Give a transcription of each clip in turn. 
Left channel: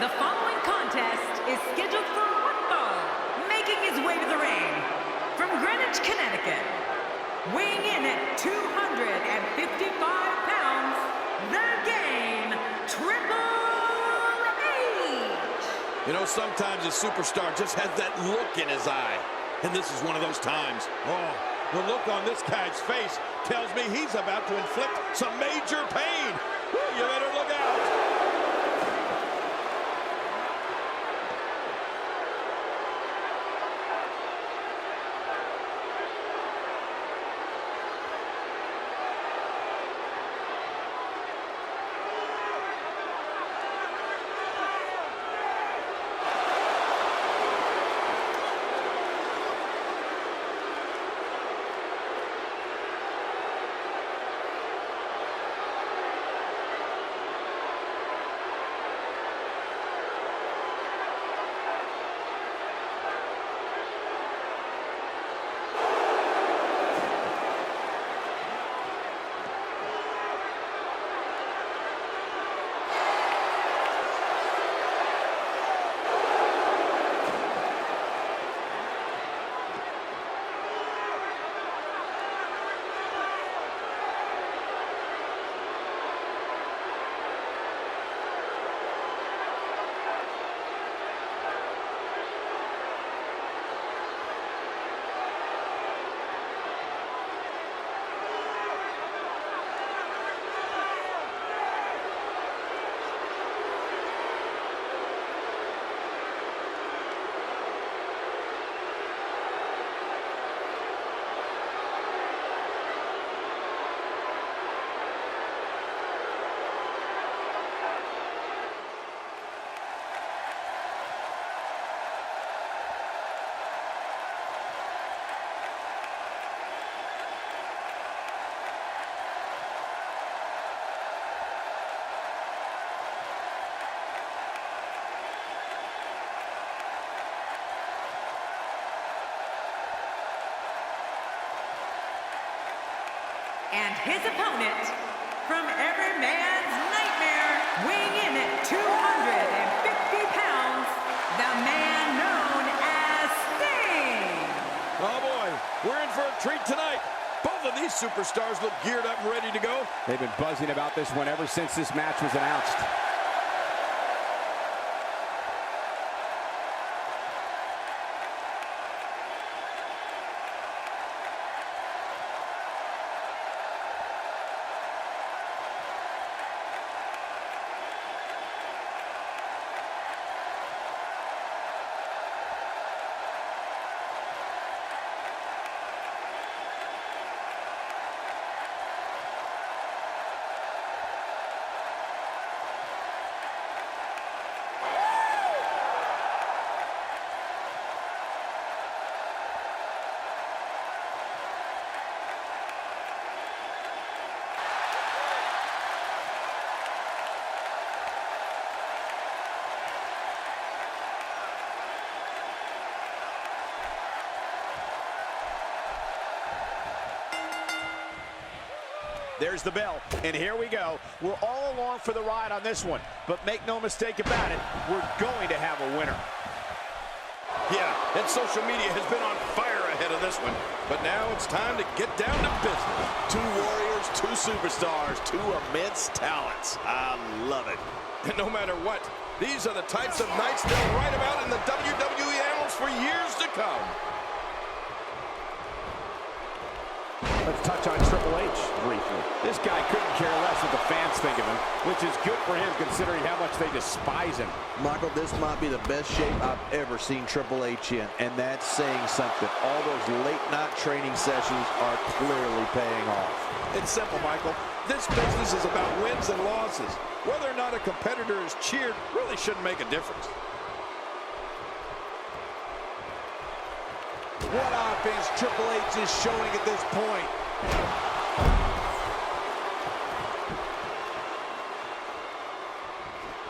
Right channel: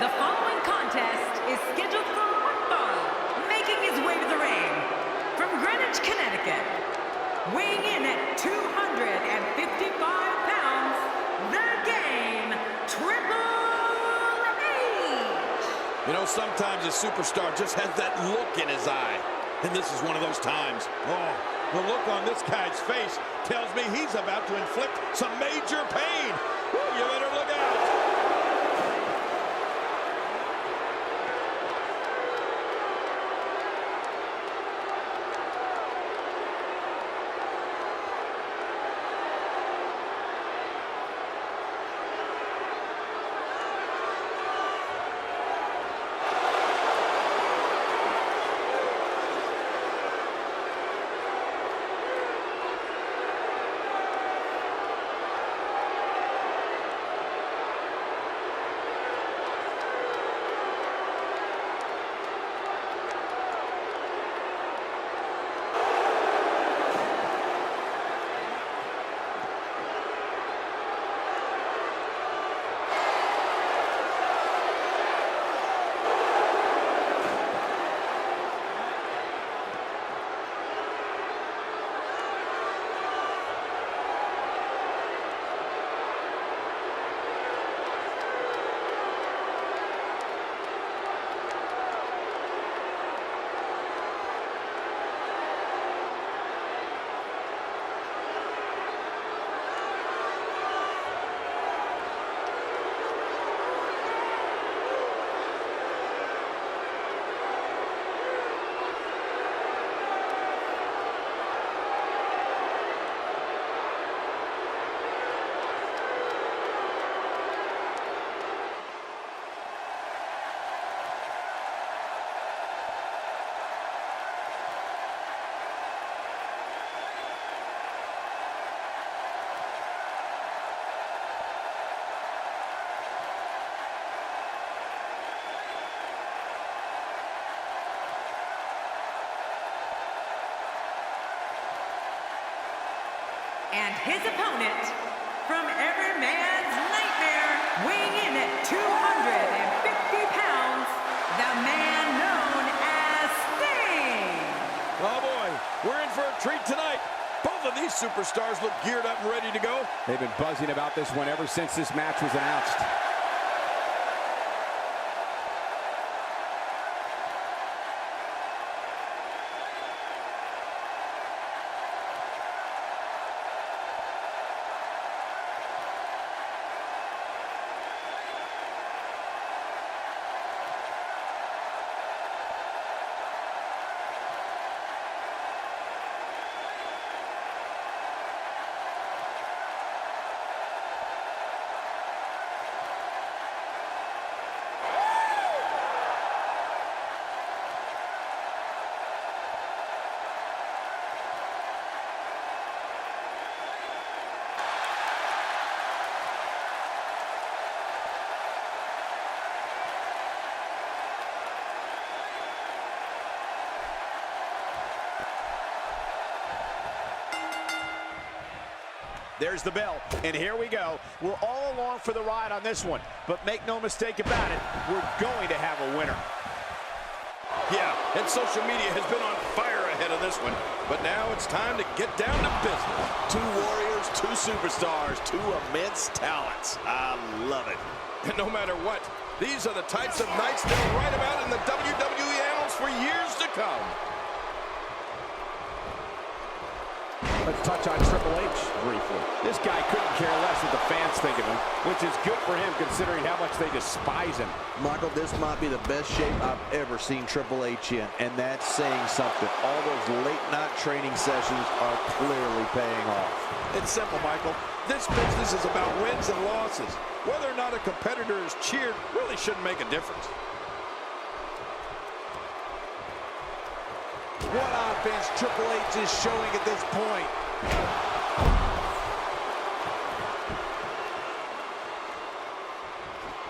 The following contest is scheduled for one fall, making his way to the ring from Greenwich, Connecticut, weighing in at 255 pounds, the Game, Triple H. You know, sometimes a superstar just has that look in his eye, and this is one of those times. Oh, the look on this guy's face tells me he's about to inflict some major pain. Woo, you better look out. And his opponent, from every man's nightmare, weighing in at 250 pounds, the man known as Sting. Oh boy, we're in for a treat tonight. Both of these superstars look geared up and ready to go. They've been buzzing about this one ever since this match was announced. There's the bell, and here we go. We're all along for the ride on this one, but make no mistake about it, we're going to have a winner. Yeah, and social media has been on fire ahead of this one, but now it's time to get down to business. Two warriors, two superstars, two immense talents. I love it. And no matter what, these are the types of nights they'll write about in the WWE annals for years to come. Let's touch on Triple H briefly. This guy couldn't care less what the fans think of him, which is good for him considering how much they despise him. Michael, this might be the best shape I've ever seen Triple H in, and that's saying something. All those late-night training sessions are clearly paying off. It's simple, Michael. This business is about wins and losses. Whether or not a competitor is cheered really shouldn't make a difference. What offense Triple H is showing at this point.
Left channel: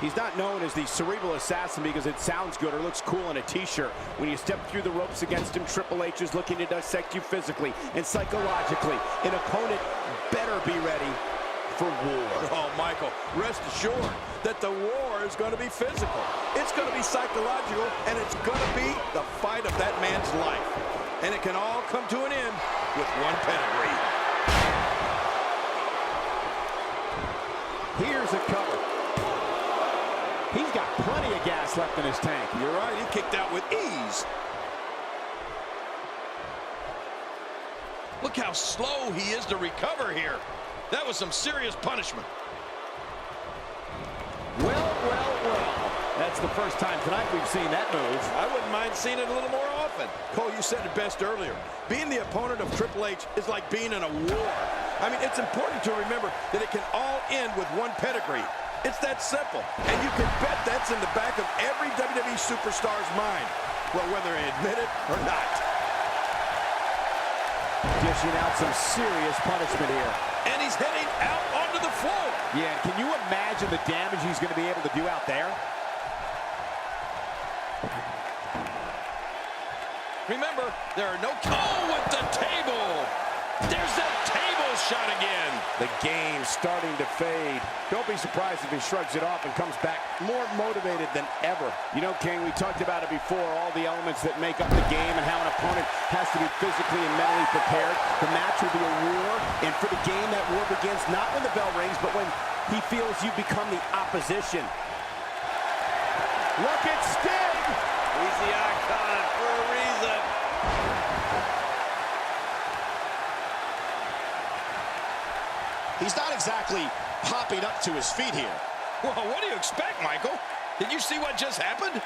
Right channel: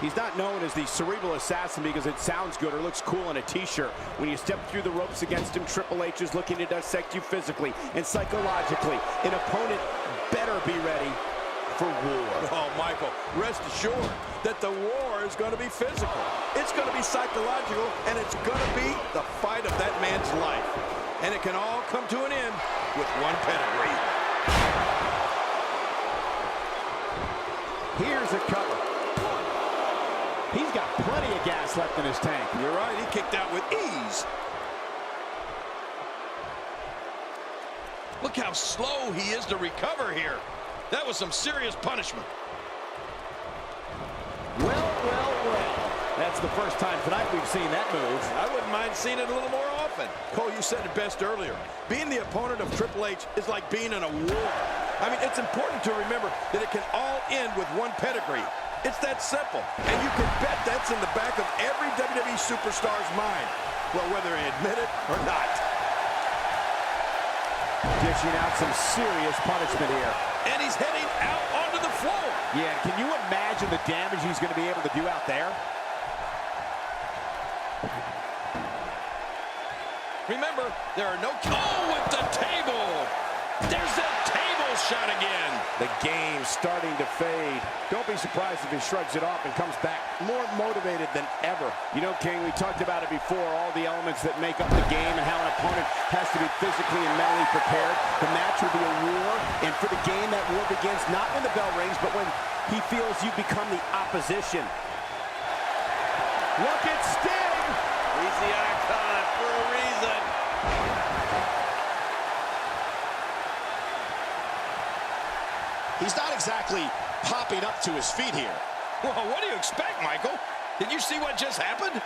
He's not known as the cerebral assassin because it sounds good or looks cool on a t-shirt. When you step through the ropes against him, Triple H is looking to dissect you physically and psychologically. An opponent better be ready for war. Oh, Michael, rest assured that the war is going to be physical. It's going to be psychological, and it's going to be the fight of that man's life. And it can all come to an end with one pedigree. Here's a cover. He's got plenty of gas left in his tank. You're right, he kicked out with ease. Look how slow he is to recover here. That was some serious punishment. Well, well, well. That's the first time tonight we've seen that move. I wouldn't mind seeing it a little more often. Cole, you said it best earlier. Being the opponent of Triple H is like being in a war. I mean, it's important to remember that it can all end with one pedigree. It's that simple. And you can bet that's in the back of every WWE superstar's mind. Well, whether they admit it or not. Dishing out some serious punishment here. And he's heading out onto the floor. Yeah, can you imagine the damage he's going to be able to do out there? Remember, there are no... Oh, with the table! There's that table shot again. The game's starting to fade. Don't be surprised if he shrugs it off and comes back more motivated than ever. You know, King, we talked about it before, all the elements that make up the game and how an opponent has to be physically and mentally prepared. The match will be a war, and for the game, that war begins not when the bell rings, but when he feels you become the opposition. Look at Sting! He's the icon for a reason. He's not exactly popping up to his feet here. Well, what do you expect, Michael? Did you see what just happened?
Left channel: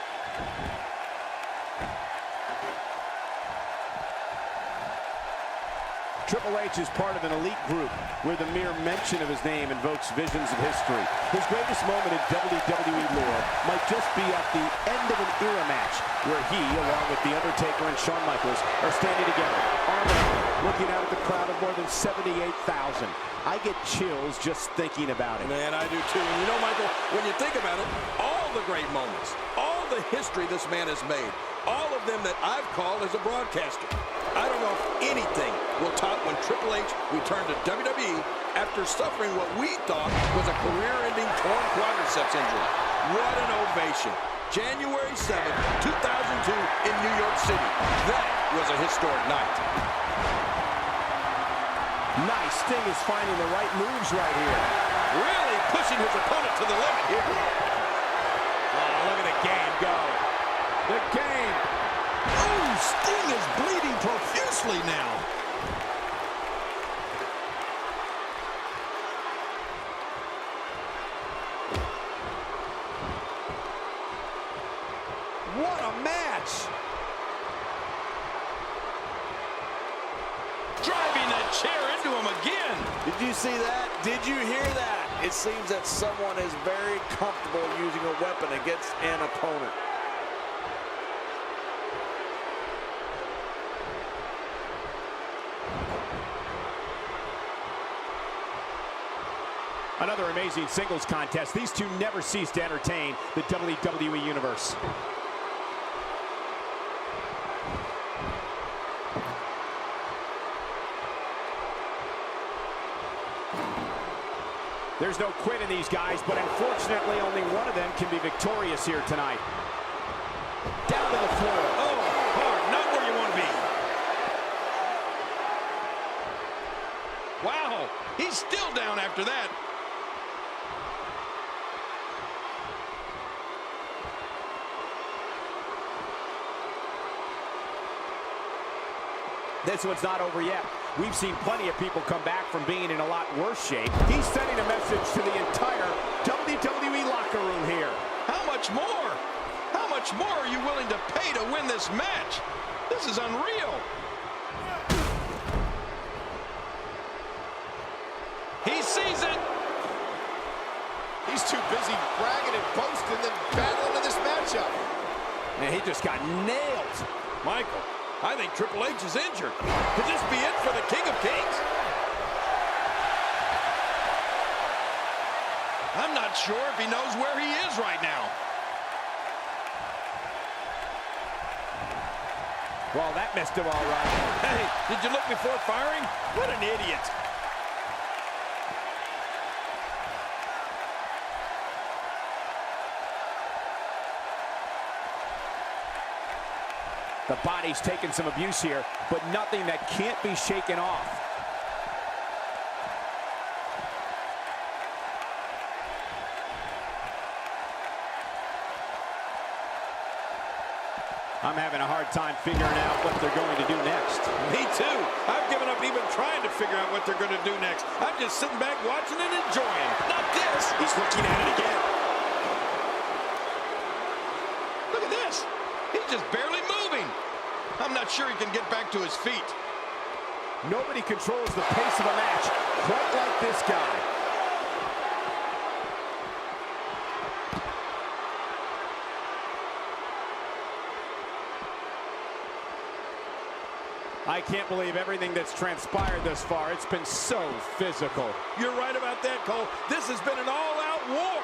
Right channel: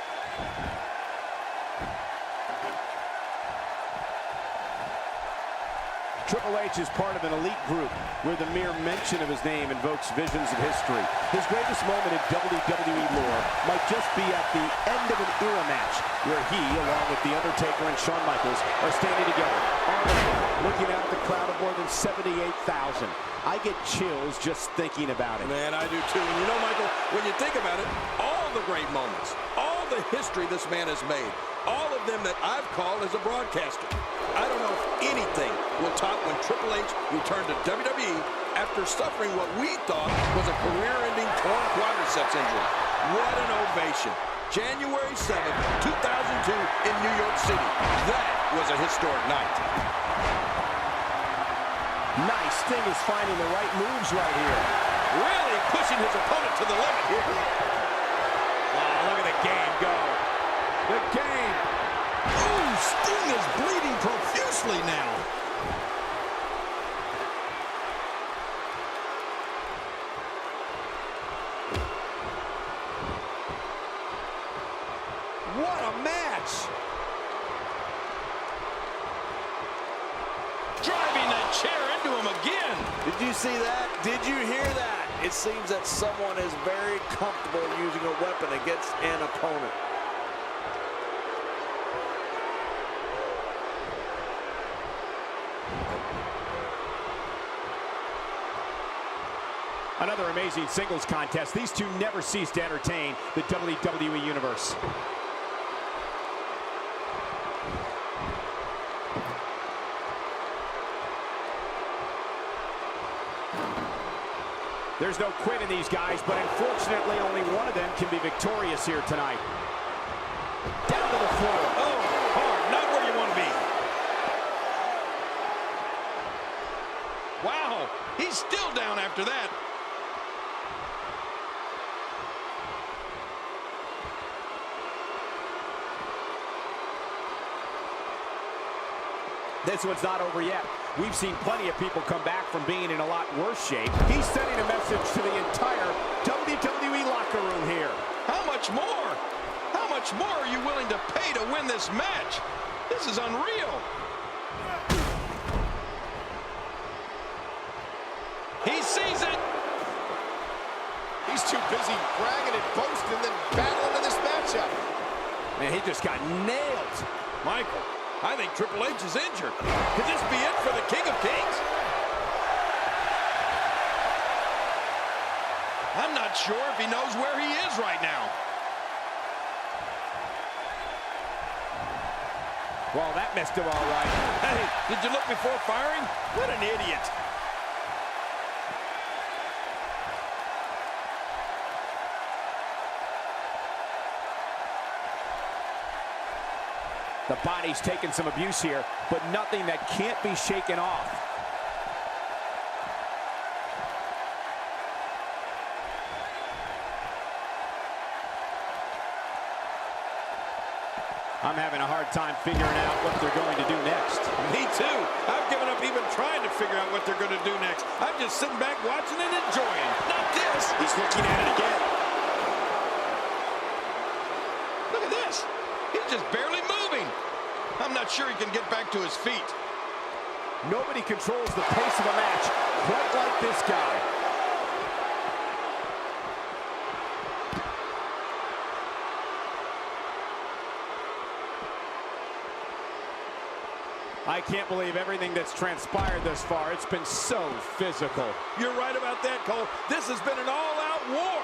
Triple H is part of an elite group where the mere mention of his name invokes visions of history. His greatest moment in WWE lore might just be at the end of an era match where he, along with The Undertaker and Shawn Michaels, are standing together, arm in arm, looking out at the crowd of more than 78,000. I get chills just thinking about it. Man, I do too. And you know, Michael, when you think about it, all the great moments, all the history this man has made, all of them that I've called as a broadcaster, I don't know if anything will top when Triple H returned to WWE after suffering what we thought was a career-ending torn quadriceps injury. What an ovation. January 7th, 2002 in New York City. That was a historic night. Nice. Sting is finding the right moves right here. Really pushing his opponent to the limit here. Oh, look at the game go. The game. Ooh, Sting is bleeding profusely now. What a match. Driving that chair into him again. Did you see that? Did you hear that? It seems that someone is very comfortable using a weapon against an opponent. Another amazing singles contest. These two never cease to entertain the WWE Universe. There's no quit in these guys, but unfortunately only one of them can be victorious here tonight. Down to the floor. Oh, hard, not where you want to be. Wow, he's still down after that. This one's not over yet. We've seen plenty of people come back from being in a lot worse shape. He's sending a message to the entire WWE locker room here. How much more? How much more are you willing to pay to win this match? This is unreal. He sees it. He's too busy bragging and boasting than battling in this matchup. Man, he just got nailed. Michael, I think Triple H is injured. Could this be it for the King of Kings? I'm not sure if he knows where he is right now. Well, that missed him all right. Hey, did you look before firing? What an idiot. The body's taking some abuse here, but nothing that can't be shaken off. I'm having a hard time figuring out what they're going to do next. Me too. I've given up even trying to figure out what they're going to do next. I'm just sitting back watching and enjoying. Not this. He's looking at it again. Look at this. He's just barely moving. I'm not sure he can get back to his feet. Nobody controls the pace of a match quite like this guy. I can't believe everything that's transpired thus far. It's been so physical. You're right about that, Cole. This has been an all-out war.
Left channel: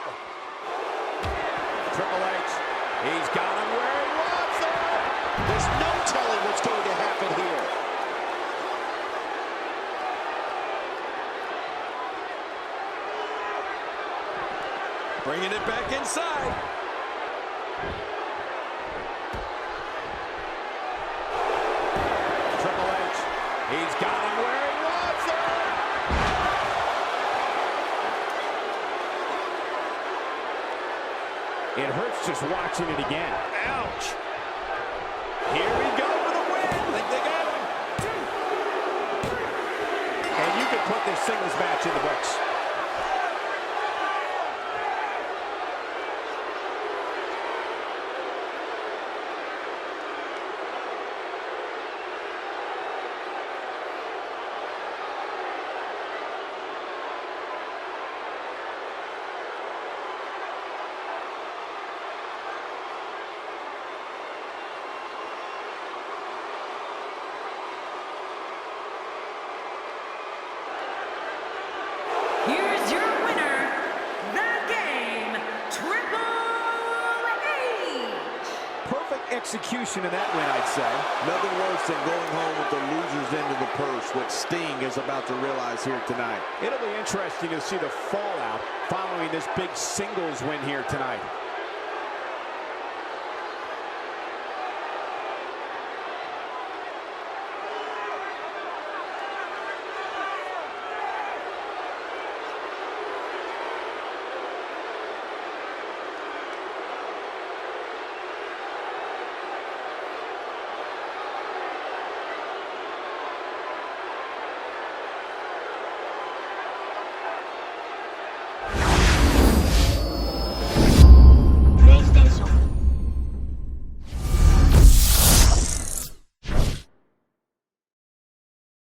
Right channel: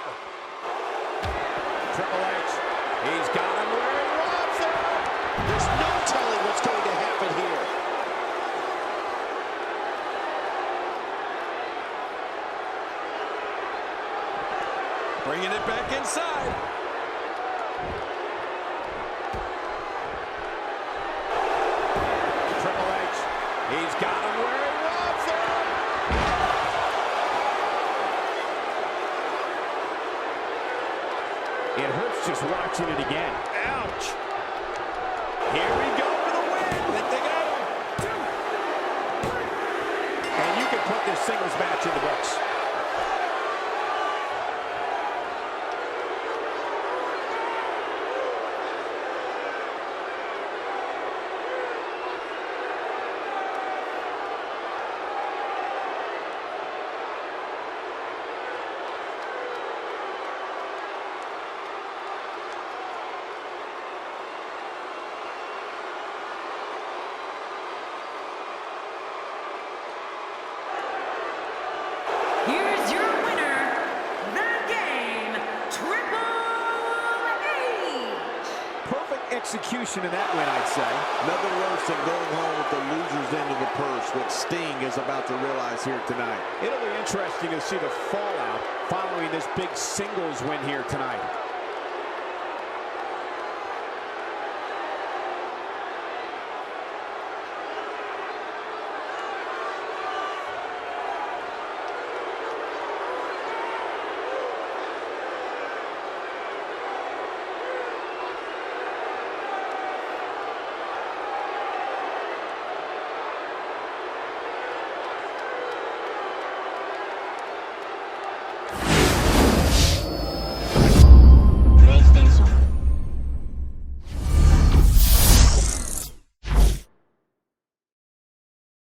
Triple H, he's got him where he wants him. There's no telling what's going to happen here. Bringing it back inside. Triple H, he's got him where he wants him. It hurts just watching it again. Ouch. Here we go for the win. I think they got him. And you can put this singles match in the books. Here's your winner, the game, Triple H. Perfect execution in that win, I'd say. Nothing worse than going home with the loser's end of the purse, what Sting is about to realize here tonight. It'll be interesting to see the fallout following this big singles win here tonight.